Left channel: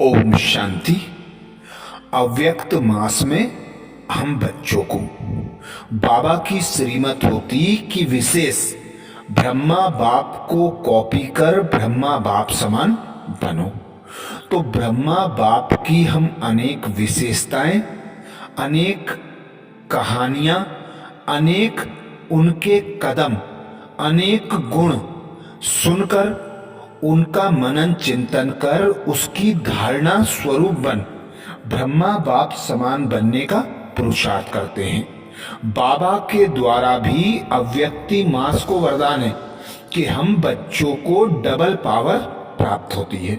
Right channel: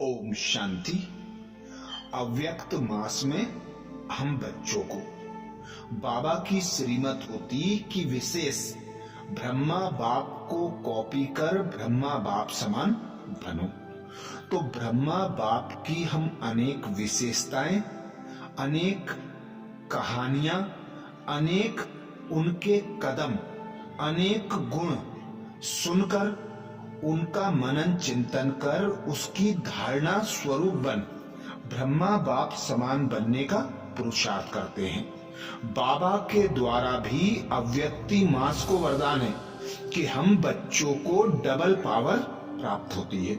ओम शांति। अव्यक्त मास में हम बच्चों को बाबा की श्रीमत होती कि विशेष ब्रह्मा बाप को कॉपी कर ब्रह्मा बाप समान बनो। तो ब्रह्मा बाप की हम अनेक विशेषताएं, अनेक कहानियां, अनेक उनके कदम, अनेक गुण सुनकर उनका मनन चिंतन कर उसकी धारणा स्वरूप बन ब्रह्मा बाप समान बनने का पुरुषार्थ करते हैं। बाबा के द्वारा भी अव्यक्ति मास को वरदान है कि हम बच्चों को डबल पावर प्राप्त होती है।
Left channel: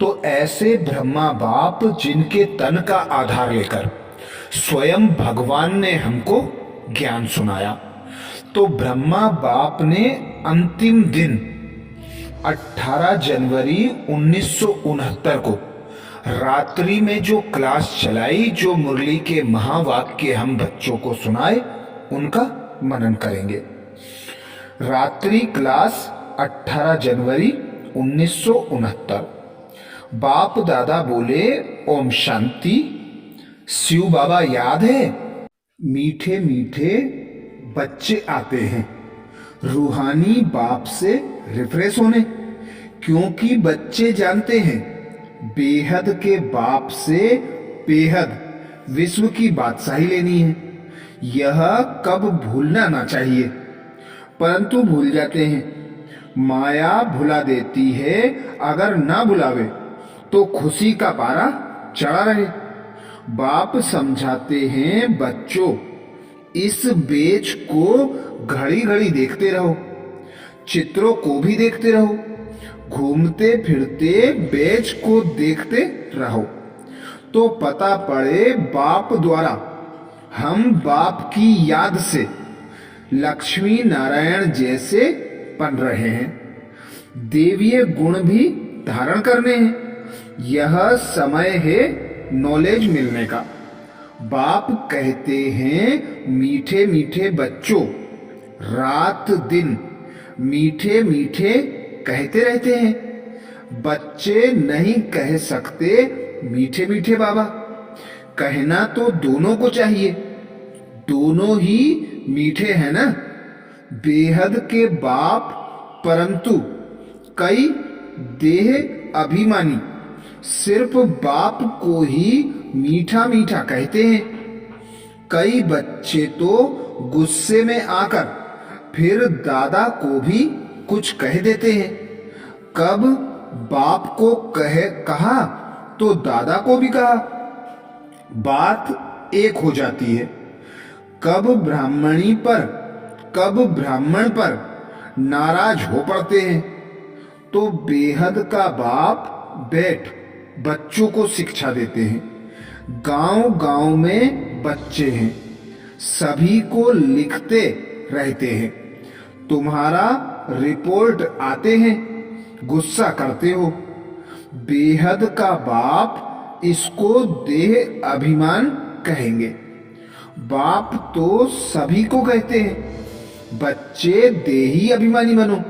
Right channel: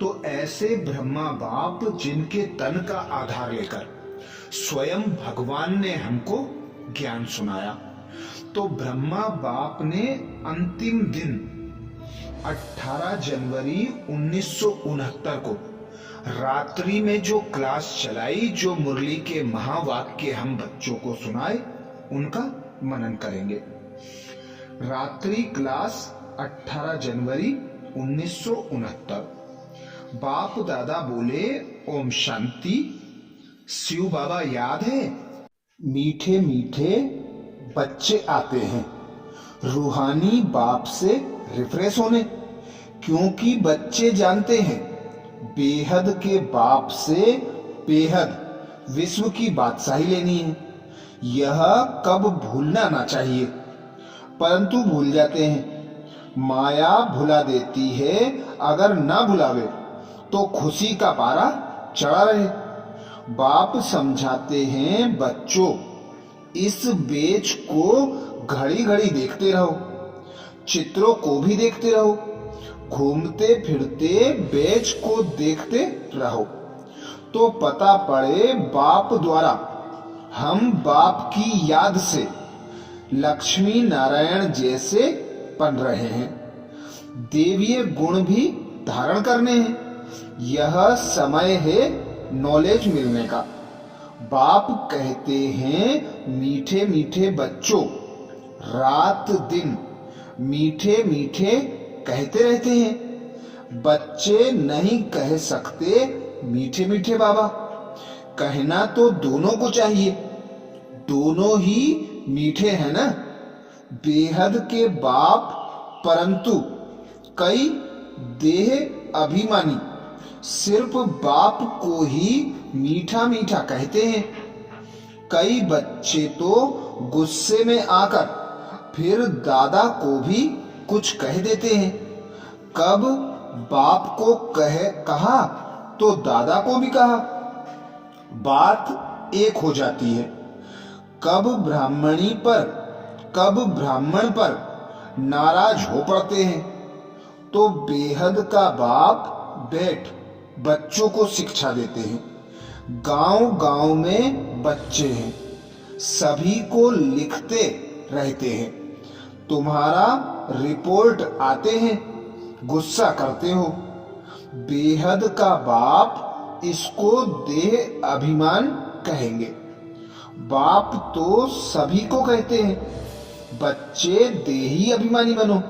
तो ऐसे ब्रह्मा बाप जिनके तन का आधार लेकर स्वयं भगवान ने हमको ज्ञान सुनाया, तो ब्रह्मा बाप ने अंतिम दिन 18 जनवरी 1969 को रात्रि में जो क्लास चलाई, जो मुरली के महावाक्य हम बच्चों को सुनाए, उनका मनन करेंगे। रात्रि क्लास 18 जनवरी 1969। बाप दादा बोले ओम शांति। शिव बाबा याद है? मीठे मीठे बच्चे आते हैं रूहानी बाप से रिफ्रेश होने, क्योंकि बच्चे जानते हैं बेहद के बाप से बेहद विश्व की बादशाही लेनी है। यह कब भूलना ना चाहिए, परंतु भूल जाते हैं। माया भुला देती है, अगर ना भुलावे तो खुशी का पारा चढ़ा रहे। बाप समझाते हैं बच्चों, इस बेच को घड़ी घड़ी देखते रहो, चित्रों को भी देखते रहो, घूमते फिरते बेच को देखते रहो, तो पता पड़े बाप द्वारा हम बाप की याद से लक्ष्मी नारायण जैसे बन रहे हैं। देवीय गुण भी धारण करने हैं। यह समय है नॉलेज मिलने का। बाप कहते हैं मीठे मीठे बच्चों, रात दिन मीठे मीठे कहते रहते हैं। बच्चे नहीं कह सकते मीठे मीठे बाबा, कहना तो दोनों को चाहिए। दोनों ही मीठे हैं ना, बेहद के बाप, परंतु कई देह अभिमानी सिर्फ बाप को ही मीठा मीठा कहते हैं। कई बच्चे तो गुस्से में आकर फिर दादा को भी कुछ कह देते हैं। कब बाप को कहा तो दादा को भी कहा, बात एक हो जाती है। कब ब्राह्मणी पर कब ब्राह्मण पर नाराज हो पड़ते हैं। तो बेहद का बाप बैठ बच्चों को शिक्षा देते हैं। गांव गांव में बच्चे हैं, सभी को लिखते रहते हैं। तुम्हारा रिपोर्ट आते हैं, गुस्सा करते हो। बेहद का बाप इसको देह अभिमान कहेंगे। बाप तो सभी को कहते हैं बच्चे देही अभिमानी बनो।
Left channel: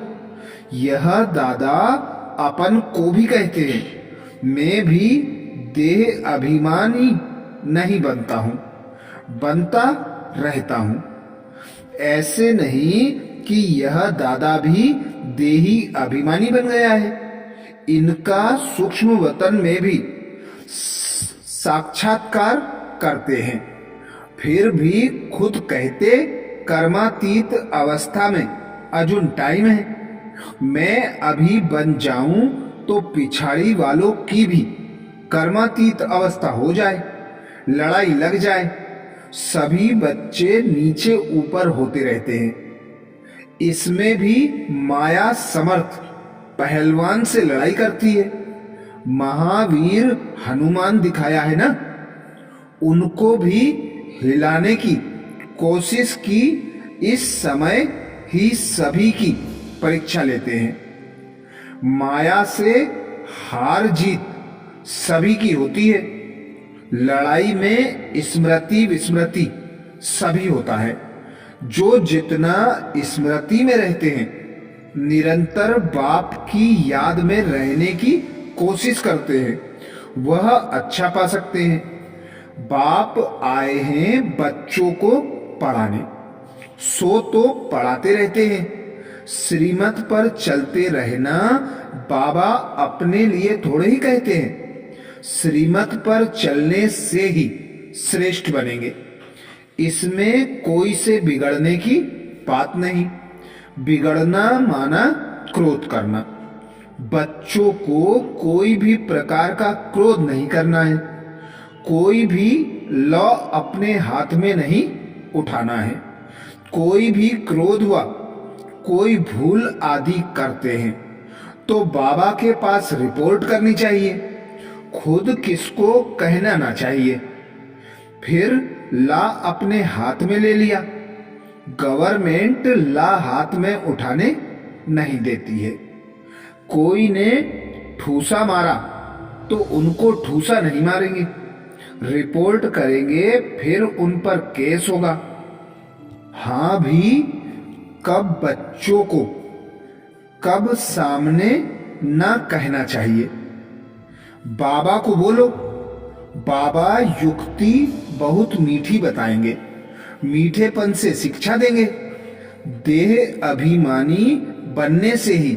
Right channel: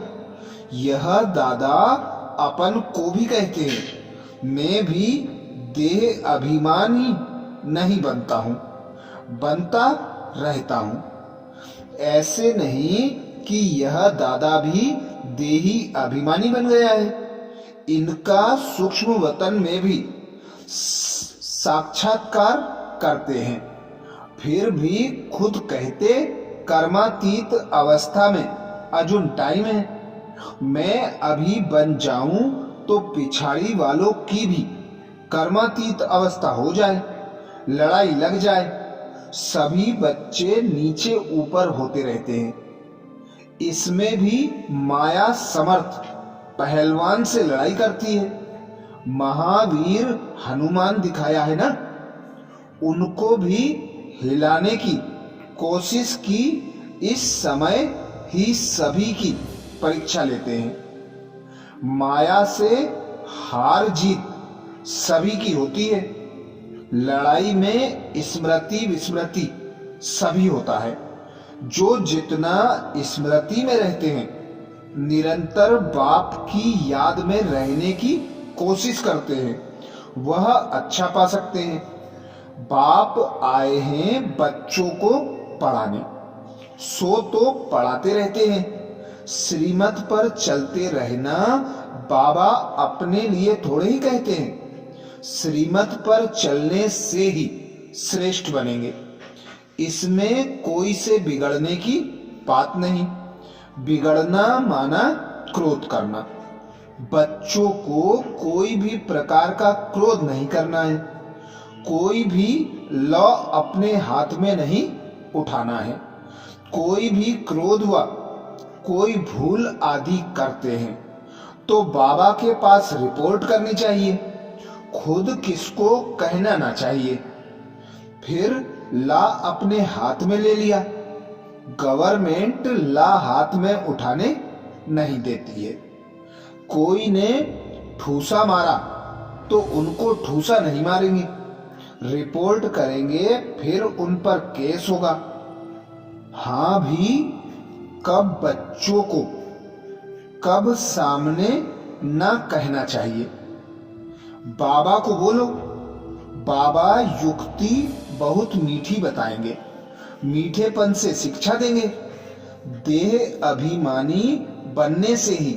यह दादा अपन को भी कहते हैं, मैं भी देह अभिमानी नहीं बनता हूं, बनता रहता हूं। ऐसे नहीं कि यह दादा भी देही अभिमानी बन गया है। इनका सूक्ष्म वतन में भी साक्षात्कार करते हैं, फिर भी खुद कहते कर्मातीत अवस्था में अजुन टाइम है। मैं अभी बन जाऊं तो पिछाड़ी वालों की भी कर्मातीत अवस्था हो जाए, लड़ाई लग जाए। सभी बच्चे नीचे ऊपर होते रहते हैं। इसमें भी माया समर्थ पहलवान से लड़ाई करती है। महावीर हनुमान दिखाया है ना, उनको भी हिलाने की कोशिश की। इस समय ही सभी की परीक्षा लेते हैं। माया से हार जीत सभी की होती है। लड़ाई में स्मृति विस्मृति सभी होता है। जो जितना स्मृति में रहते हैं, निरंतर बाप की याद में रहने की कोशिश करते हैं, वह अच्छा पा सकते हैं। बाप आए हैं बच्चों को पढ़ाने, सो तो पढ़ाते रहते हैं। श्रीमत पर चलते रहना बाबा अपने लिए थोड़े ही कहते हैं। श्रीमत पर चलने से ही श्रेष्ठ बनेंगे, इसमें कोई से बिगड़ने की बात नहीं। बिगड़ना माना क्रोध करना। बच्चों को कोई भी प्रकार का क्रोध नहीं करना है। कोई भी लौ अपने हाथ में नहीं उठाना है। कोई भी क्रोध व कोई भूल आदि करते हैं तो बाबा के पास रिपोर्ट करनी चाहिए, खुद किसको कहना ना चाहिए। फिर ला अपने हाथ में ले लिया। गवर्नमेंट ला हाथ में उठाने नहीं देती है। कोई ने ठूसा मारा तो उनको ठूसा नहीं मारेंगे, रिपोर्ट करेंगे, फिर उन पर केस होगा। हाँ भी कब बच्चों को कब सामने ना कहना चाहिए। बाबा को बोलो, बाबा युक्ति बहुत मीठी बताएंगे, मीठेपन से शिक्षा देंगे। देह अभिमानी बनने से ही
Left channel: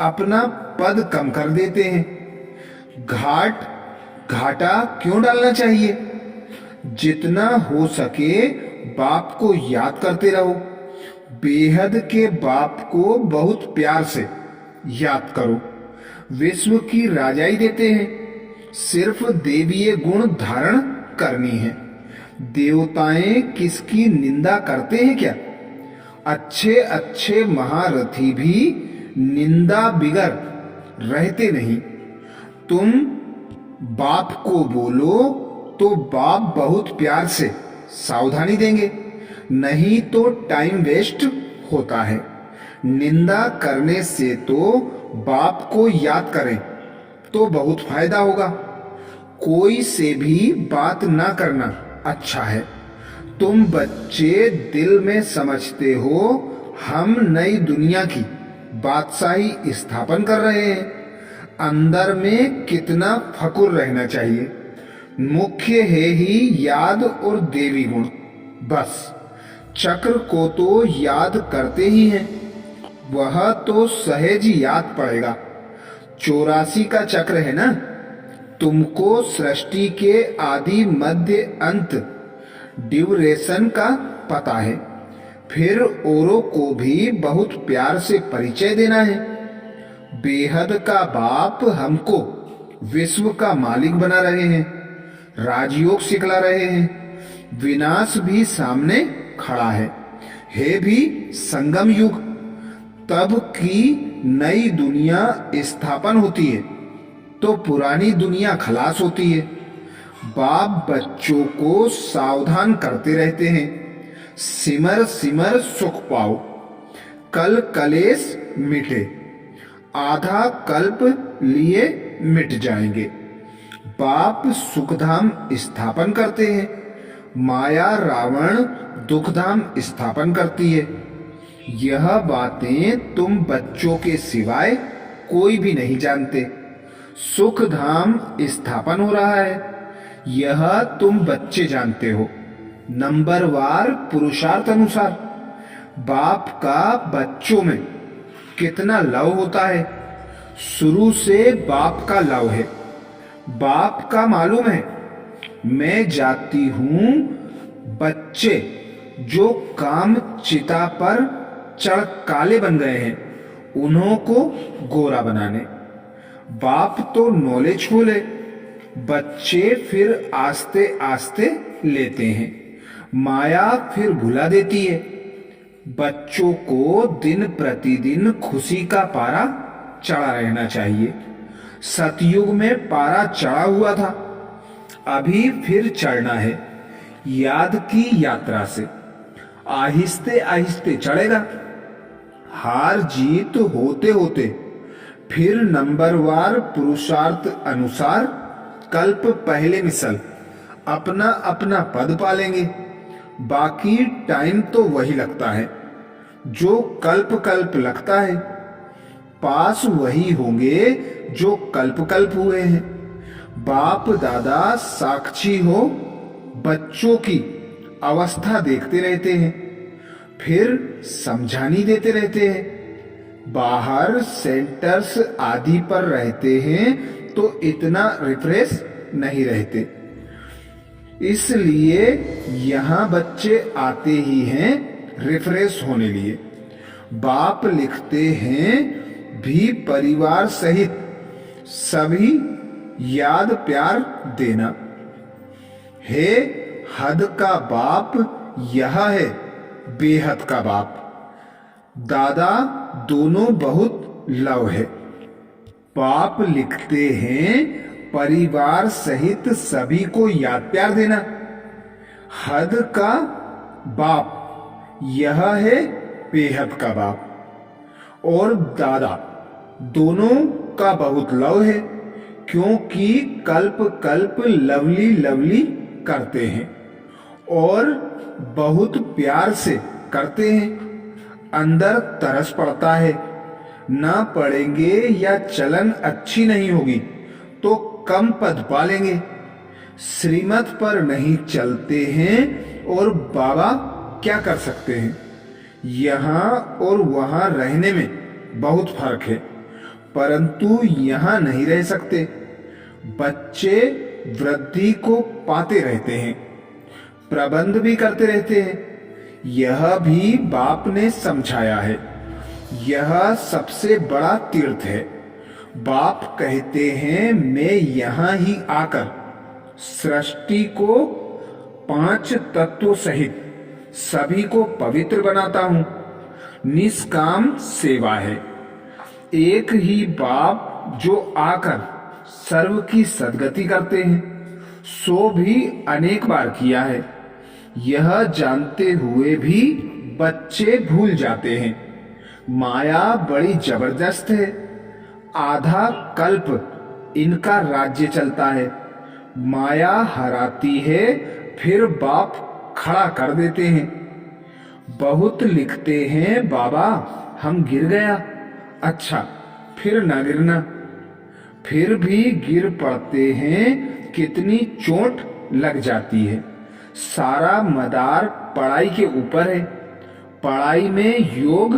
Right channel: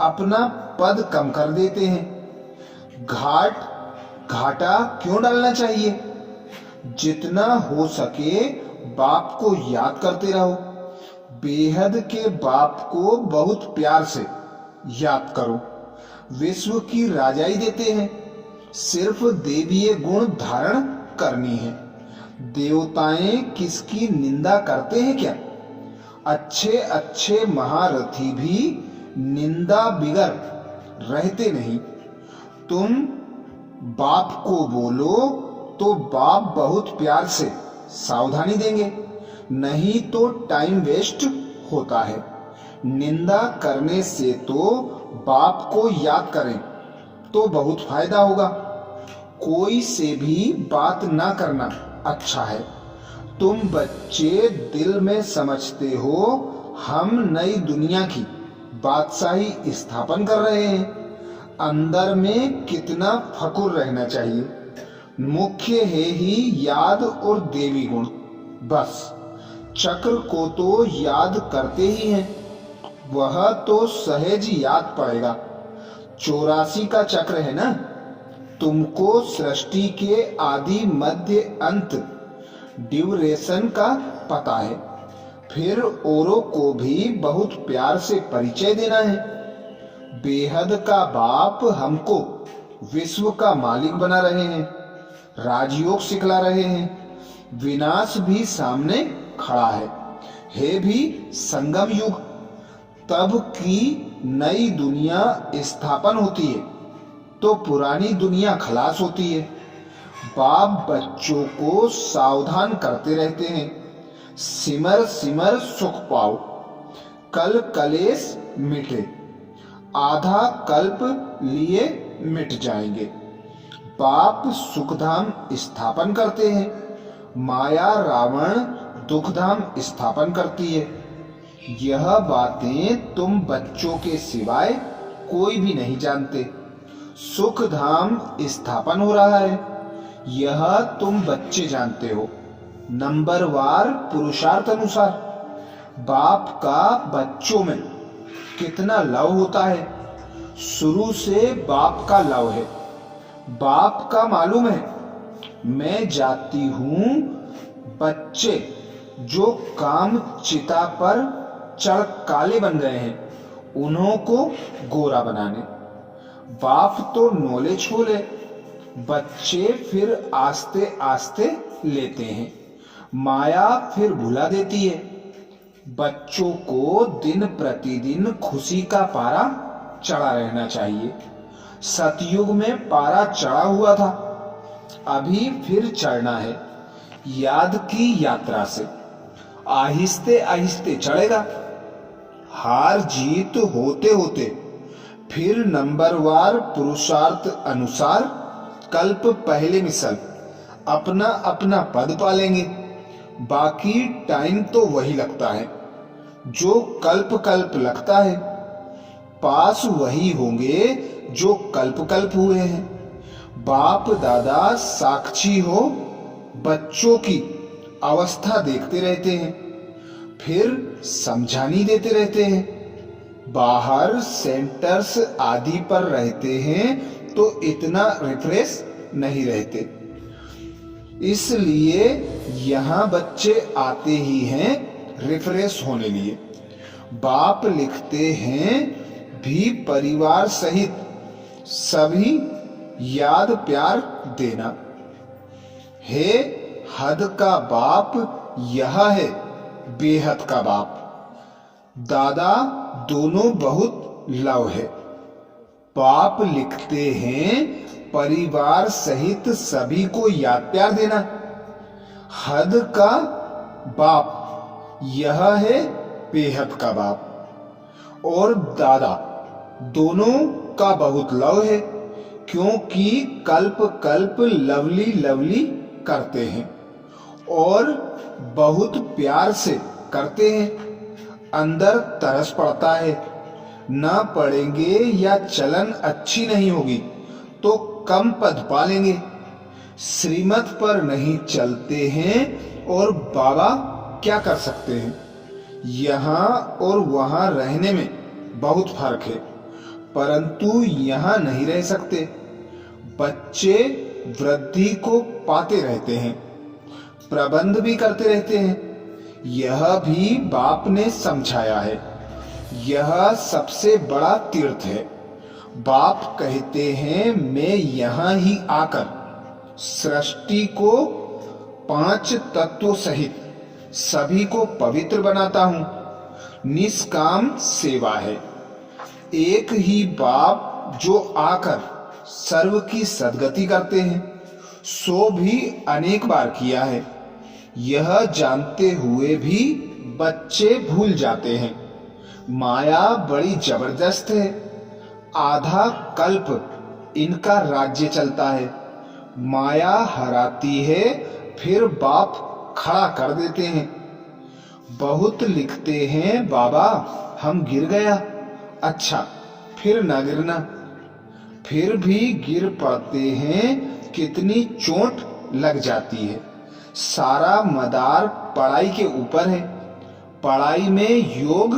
अपना पद कम कर देते हैं। घाटा क्यों डालना चाहिए। जितना हो सके बाप को याद करते रहो। बेहद के बाप को बहुत प्यार से याद करो। विश्व की राजाई देते हैं, सिर्फ देवीय गुण धारण करनी है। देवताएं किसकी निंदा करते हैं क्या। अच्छे अच्छे महारथी भी निंदा बिगर रहते नहीं। तुम बाप को बोलो तो बाप बहुत प्यार से सावधानी देंगे, नहीं तो टाइम वेस्ट होता है। निंदा करने से तो बाप को याद करें तो बहुत फायदा होगा। कोई से भी बात ना करना अच्छा है। तुम बच्चे दिल में समझते हो हम नई दुनिया की बादशाही स्थापन कर रहे हैं। अंदर में कितना फकुर रहना चाहिए। मुख्य है ही याद और देवी गुण। बस चक्र को तो याद करते ही हैं, वह तो सहज याद पड़ेगा। 84 का चक्र है ना। तुमको सृष्टि के आदि मध्य अंत ड्यूरेशन का पता है। फिर औरों को भी बहुत प्यार से परिचय देना है। बेहद का बाप हमको विश्व का मालिक बना रहे हैं, राजयोग सिखला रहे हैं। विनाश भी सामने खड़ा है भी संगम युग। तब की नई दुनिया स्थापन होती है तो पुरानी दुनिया खलास होती है। बाप बच्चों को सावधान करते रहते हैं, सिमर सिमर सुख पाओ, कल कलेश मिटे, आधा कल्प लिए मिट जाएंगे। बाप सुखधाम स्थापन करते हैं, माया रावण दुखधाम स्थापन करती है। यह बातें तुम बच्चों के सिवाय कोई भी नहीं जानते। सुख धाम स्थापन हो रहा है, यह तुम बच्चे जानते हो। नंबरवार पुरुषार्थ अनुसार बाप का बच्चों में कितना लव होता है। शुरू से बाप का लव है। बाप का मालूम है मैं जाती हूं बच्चे जो काम चिता पर चढ़ काले बन गए हैं उन्हों को गोरा बनाने। बाप तो नॉलेज फुल है, बच्चे फिर आस्ते आस्ते लेते हैं। माया फिर भुला देती है। बच्चों को दिन प्रतिदिन खुशी का पारा चढ़ा रहना चाहिए। सतयुग में पारा चढ़ा हुआ था, अभी फिर चढ़ना है। याद की यात्रा से आहिस्ते आहिस्ते चढ़ेगा। हार जीत होते होते फिर नंबरवार पुरुषार्थ अनुसार कल्प पहले मिसल अपना अपना पद पालेंगे। बाकी टाइम तो वही लगता है जो कल्प कल्प लगता है। पास वही होंगे जो कल्प कल्प हुए हैं। बाप दादा साक्षी हो बच्चों की अवस्था देखते रहते हैं, फिर समझानी देते रहते हैं। बाहर सेंटर्स आदि पर रहते हैं तो इतना रिफ्रेश नहीं रहते, इसलिए यहाँ बच्चे आते ही हैं रिफ्रेश होने लिए। बाप लिखते हैं भी परिवार सहित सभी याद प्यार देना। हे हद का बाप यह है बेहद का बाप। दादा दोनों बहुत लव है। बाप लिखते हैं परिवार सहित सभी को याद प्यार देना। हद का बाप यह है बेहद का बाप। और दादा दोनों का बहुत लव है, क्योंकि कल्प कल्प लवली लवली करते हैं और बहुत प्यार से करते हैं। अंदर तरस पड़ता है, ना पढ़ेंगे या चलन अच्छी नहीं होगी तो कम पद पालेंगे। श्रीमत पर नहीं चलते हैं और बाबा क्या कर सकते हैं। यहाँ और वहाँ रहने में बहुत फर्क है, परंतु यहाँ नहीं रह सकते। बच्चे वृद्धि को पाते रहते हैं, प्रबंध भी करते रहते हैं। यह भी बाप ने समझाया है। यह सबसे बड़ा तीर्थ है। बाप कहते हैं मैं यहाँ ही आकर सृष्टि को 5 तत्वों सहित सभी को पवित्र बनाता हूँ। निष्काम सेवा है। एक ही बाप जो आकर सर्व की सद्गति करते हैं, सो भी अनेक बार किया है। यह जानते हुए भी बच्चे भूल जाते हैं। माया बड़ी जबरदस्त है। आधा कल्प इनका राज्य चलता है। माया हराती है, फिर बाप खड़ा कर देते हैं। बहुत लिखते हैं बाबा हम गिर गया। अच्छा फिर ना गिरना। फिर भी गिर पड़ते हैं, कितनी चोट लग जाती है। सारा मदार पढ़ाई के ऊपर है। पढ़ाई में योग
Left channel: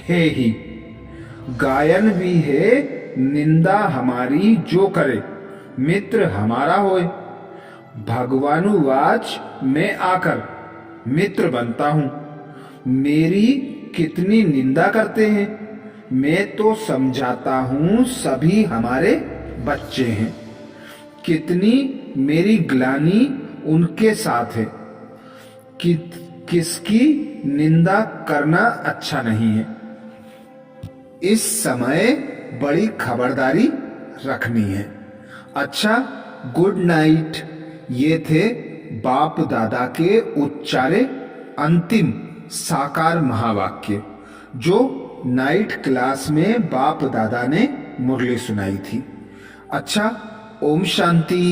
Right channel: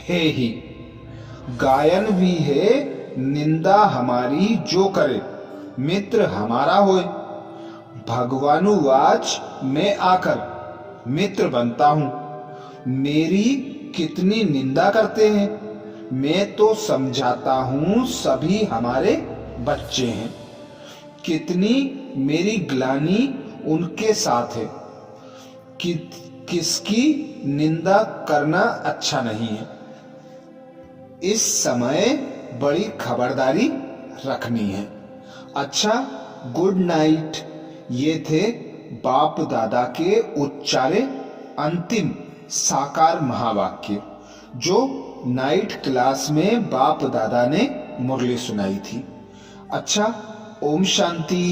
है ही। गायन भी है, निंदा हमारी जो करे मित्र हमारा होए। भगवानुवाच मैं आकर मित्र बनता हूं। मेरी कितनी निंदा करते हैं, मैं तो समझाता हूं सभी हमारे बच्चे हैं। कितनी मेरी ग्लानि उनके साथ है कि किसकी निंदा करना अच्छा नहीं है। इस समय बड़ी खबरदारी रखनी है। अच्छा गुड नाइट। ये थे बाप दादा के उच्चारे अंतिम साकार महावाक्य, जो नाइट क्लास में बाप दादा ने मुरली सुनाई थी। अच्छा ओम शांति।